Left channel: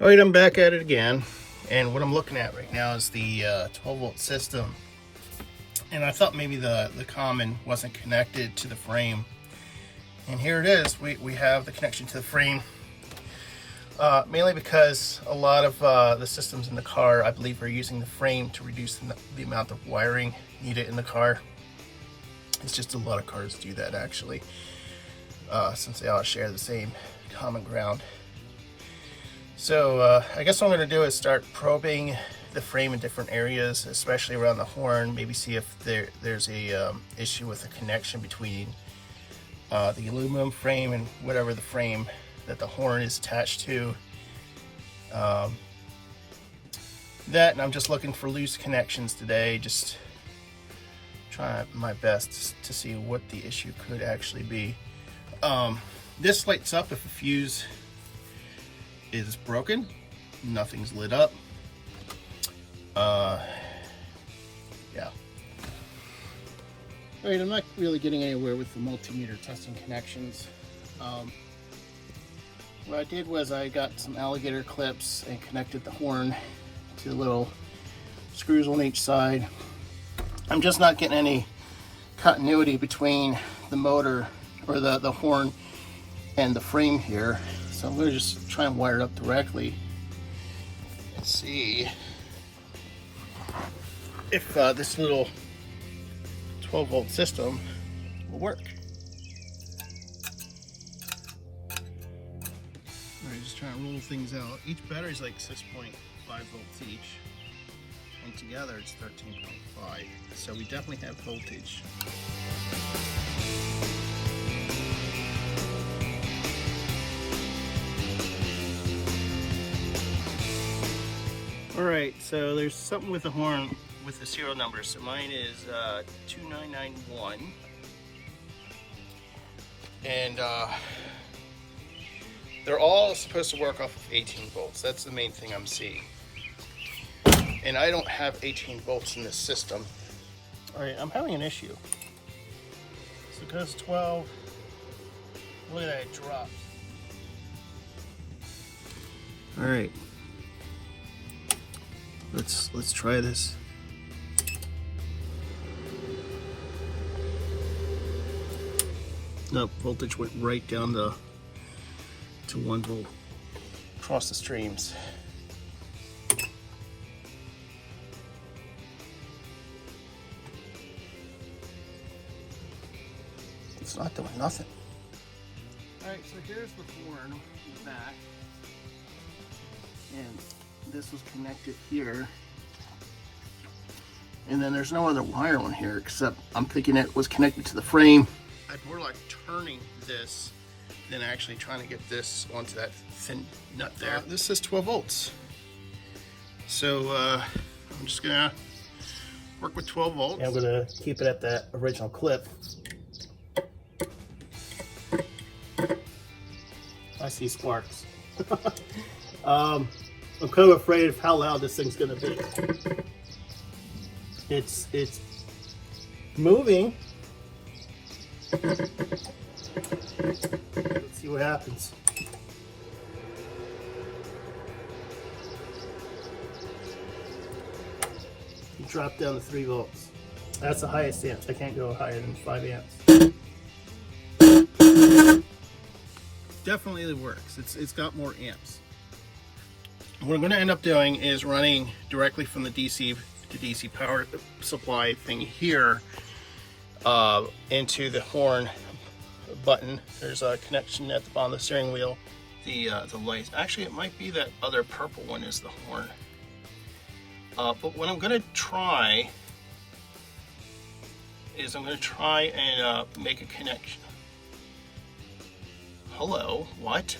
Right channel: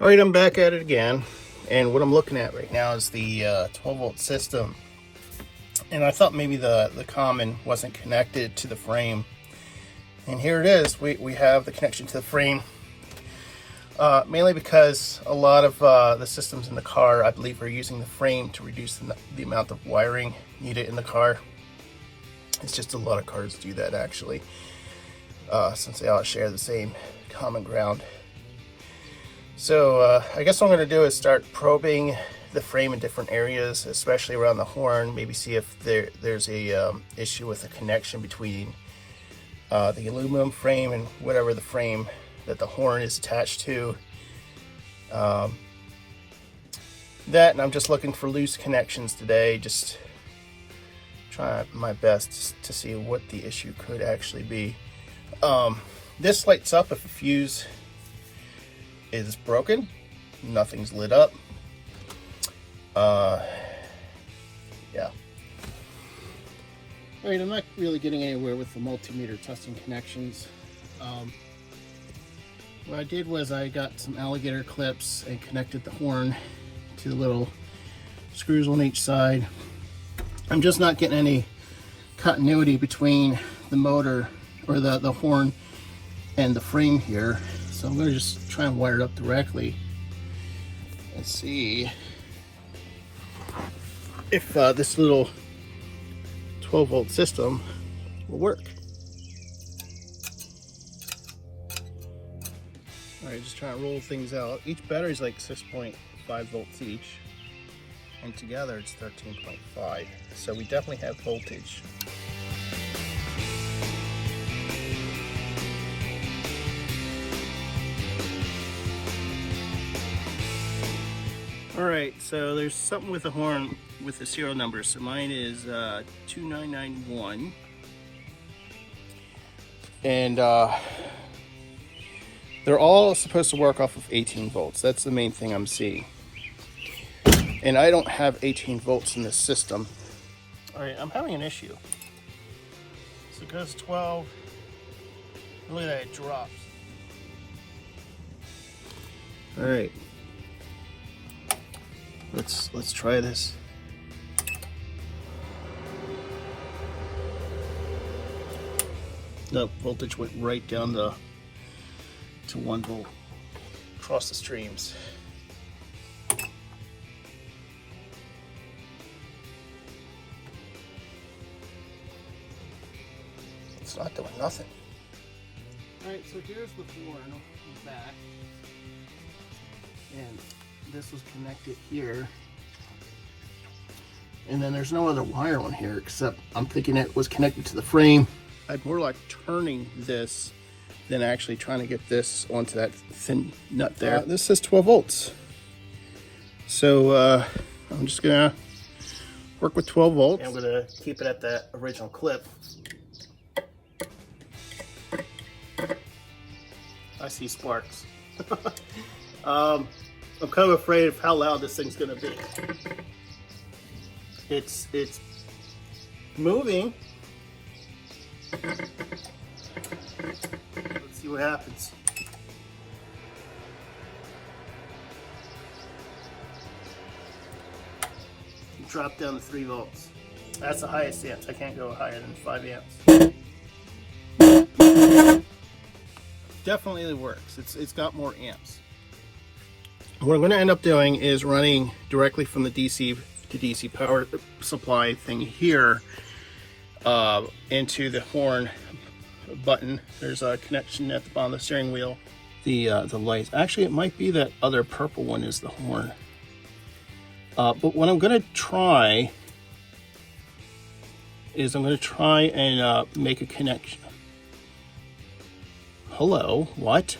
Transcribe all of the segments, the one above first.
All right, I'm back at it again, and what I'm looking at right now is the 12-volt system. And I thought maybe the common wasn't connected to the frame. And here it is. We have the connection to the frame. Mainly because a lot of the systems in the car, I believe, are using the frame to reduce the amount of wiring needed in the car. It's just a lot of cars do that, actually, since they all share the same common ground. So I guess what I'm going to do is start probing the frame in different areas, especially around the horn. Maybe see if there's a issue with the connection between the aluminum frame and whatever the frame that the horn is attached to. That, and I'm just looking for loose connections today, just try my best to see what the issue could actually be. This lights up if a fuse is broken. Nothing's lit up. Yeah. All right, I'm not really getting anywhere with the multimeter testing connections. What I did was I got some alligator clips and connected the horn to the little screws on each side. I'm just not getting any continuity between the motor or the horn and the frame here. So I'm going to just try and wire it up directly and see if this little 12-volt system will work. Alright, just trying to roll things out. Each battery is like 6.5 volts each, and together it's 13.5. So we definitely have voltage. Alright, so there's something with the horn with the serial number. So mine is 2991. And they're all supposed to work off of 18 volts. That's the main thing I'm seeing. And I don't have 18 volts in this system. Alright, I'm having an issue. So it goes 12. Look at that, it drops. Alright. Let's try this. Nope, voltage went right down to 1 volt across the streams. It's not doing nothing. Alright, so here's the horn back. And this is connected here, and then there's no other wire on here except I'm thinking it was connected to the frame. I'm more like turning this than actually trying to get this onto that thin nut there. This says 12 volts, so I'm just gonna work with 12 volts. And I'm gonna keep it at that original clip. I see sparks. I'm kind of afraid of how loud this thing's gonna be. It's moving. Let's see what happens. Drop down to 3 volts. That's the highest amps. I can't go higher than 5 amps. Definitely works. It's got more amps. What I'm going to end up doing is running directly from the DC to DC power supply thing here into the horn button. There's a connection at the bottom of the steering wheel. The lights. Actually, it might be that other purple one is the horn. But what I'm going to try is I'm going to try and make a connection. Hello, what?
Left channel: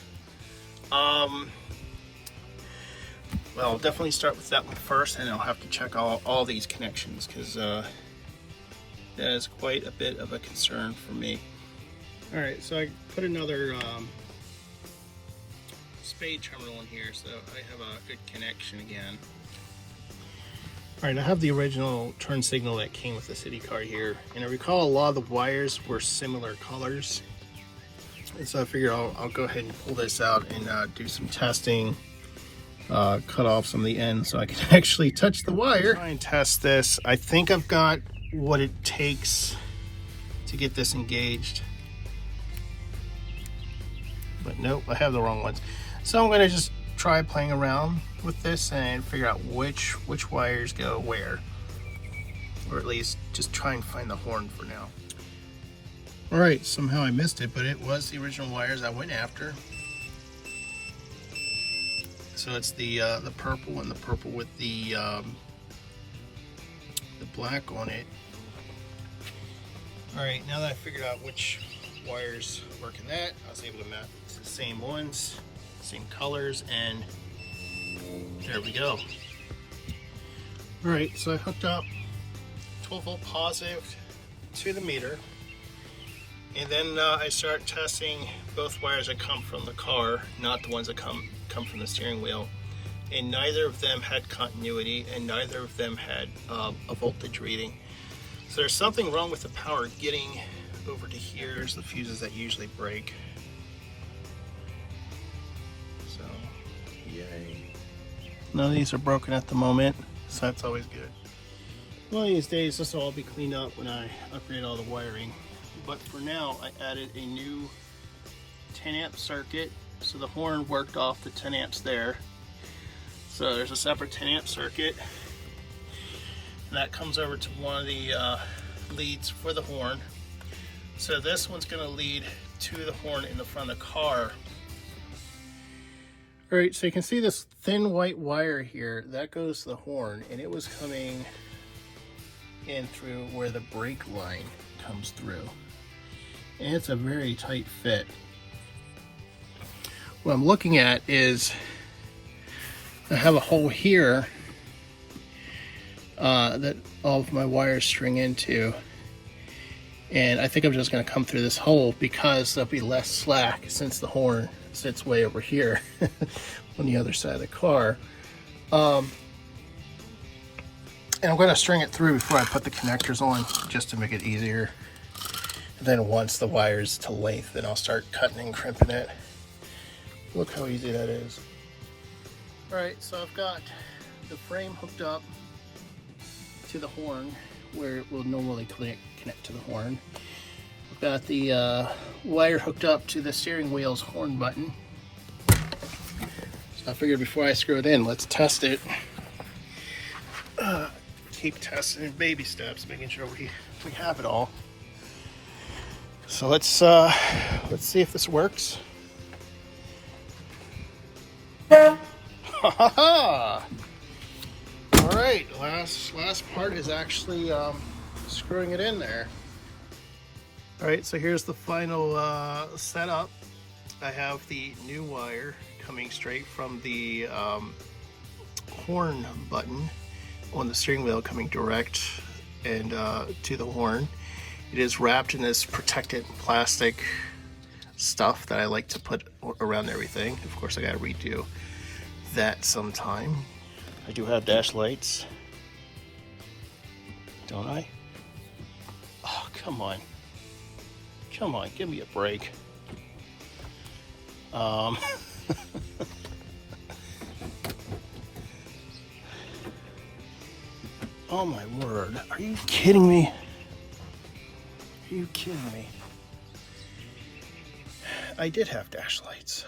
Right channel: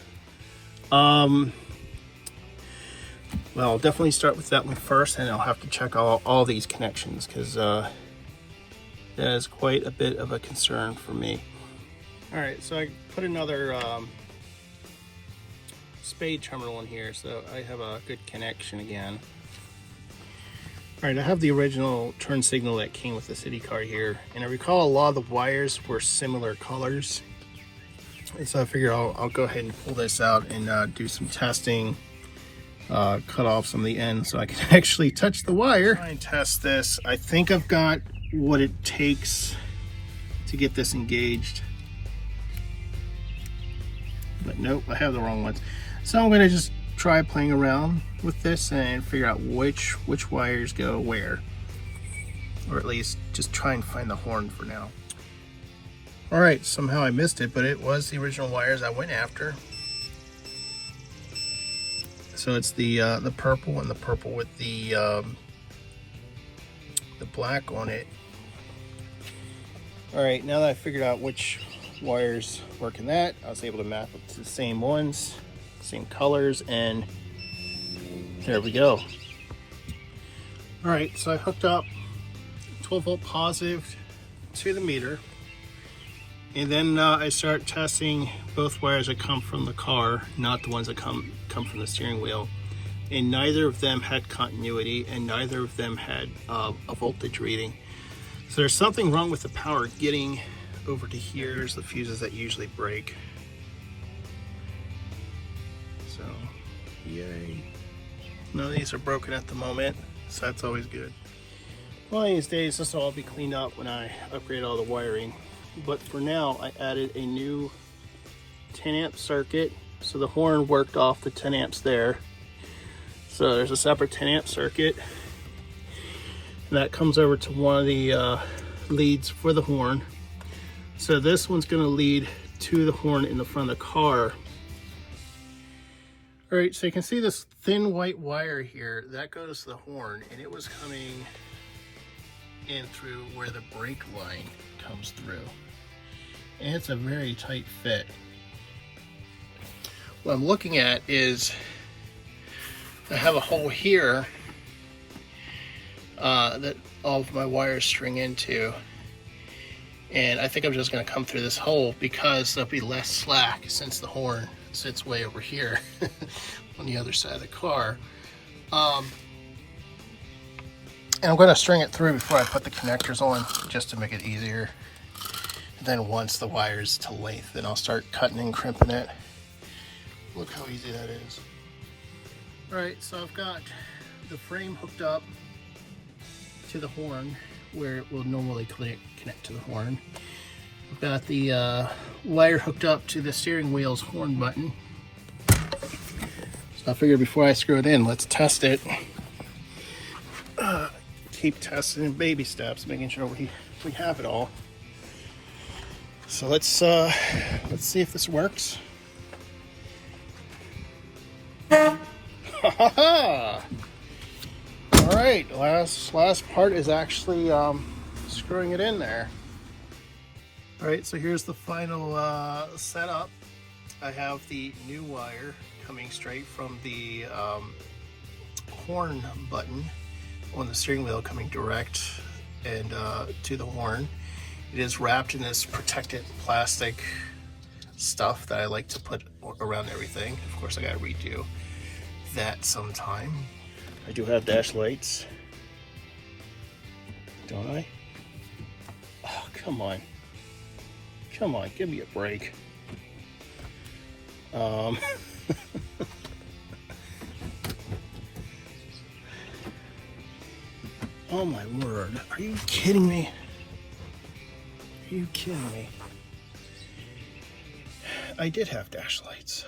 Well, I'll definitely start with that one first, and I'll have to check all these connections, because that is quite a bit of a concern for me. All right, so I put another spade terminal in here, so I have a good connection again. All right, I have the original turn signal that came with the CitiCar here, and I recall a lot of the wires were similar colors. And so I figure I'll go ahead and pull this out and do some testing cut off some of the ends so I can actually touch the wire. Try and test this. I think I've got what it takes to get this engaged. But nope, I have the wrong ones. So I'm gonna just try playing around with this and figure out which wires go where. Or at least just try and find the horn for now. All right, somehow I missed it, but it was the original wires I went after. So it's the purple and the purple with the black on it. All right, now that I figured out which wires work in that, I was able to map it to the same ones, same colors, and there we go. All right, so I hooked up 12 volt positive to the meter, and then I start testing both wires that come from the car, not the ones that come from the steering wheel, and neither of them had continuity and neither of them had a voltage reading. So there's something wrong with the power getting over to here. There's the fuses that usually break. So, yay. None of these are broken at the moment, so that's always good. One of these days, this will all be cleaned up when I upgrade all the wiring. But for now, I added a new 10 amp circuit. So the horn worked off the 10 amps there. So there's a separate 10 amp circuit. And that comes over to one of the leads for the horn. So this one's gonna lead to the horn in the front of the car. All right, so you can see this thin white wire here, that goes to the horn, and it was coming in through where the brake line comes through. And it's a very tight fit. What I'm looking at is I have a hole here that all of my wires string into, and I think I'm just going to come through this hole because there'll be less slack since the horn sits way over here on the other side of the car. And I'm going to string it through before I put the connectors on, just to make it easier. And then once the wire's to length, then I'll start cutting and crimping it. Look how easy that is. All right, so I've got the frame hooked up to the horn where it will normally connect to the horn. I've got the wire hooked up to the steering wheel's horn button. So I figured before I screw it in, let's test it. Keep testing in baby steps, making sure we have it all. So let's see if this works. All right, last part is actually screwing it in there. All right, so here's the final setup. I have the new wire coming straight from the horn button on the steering wheel, coming direct and to the horn. It is wrapped in this protected plastic stuff that I like to put around everything. Of course, I gotta redo that sometime. I do have dash lights, don't I? Oh, come on. Come on, give me a break. Oh my word, are you kidding me? Are you kidding me? I did have dash lights.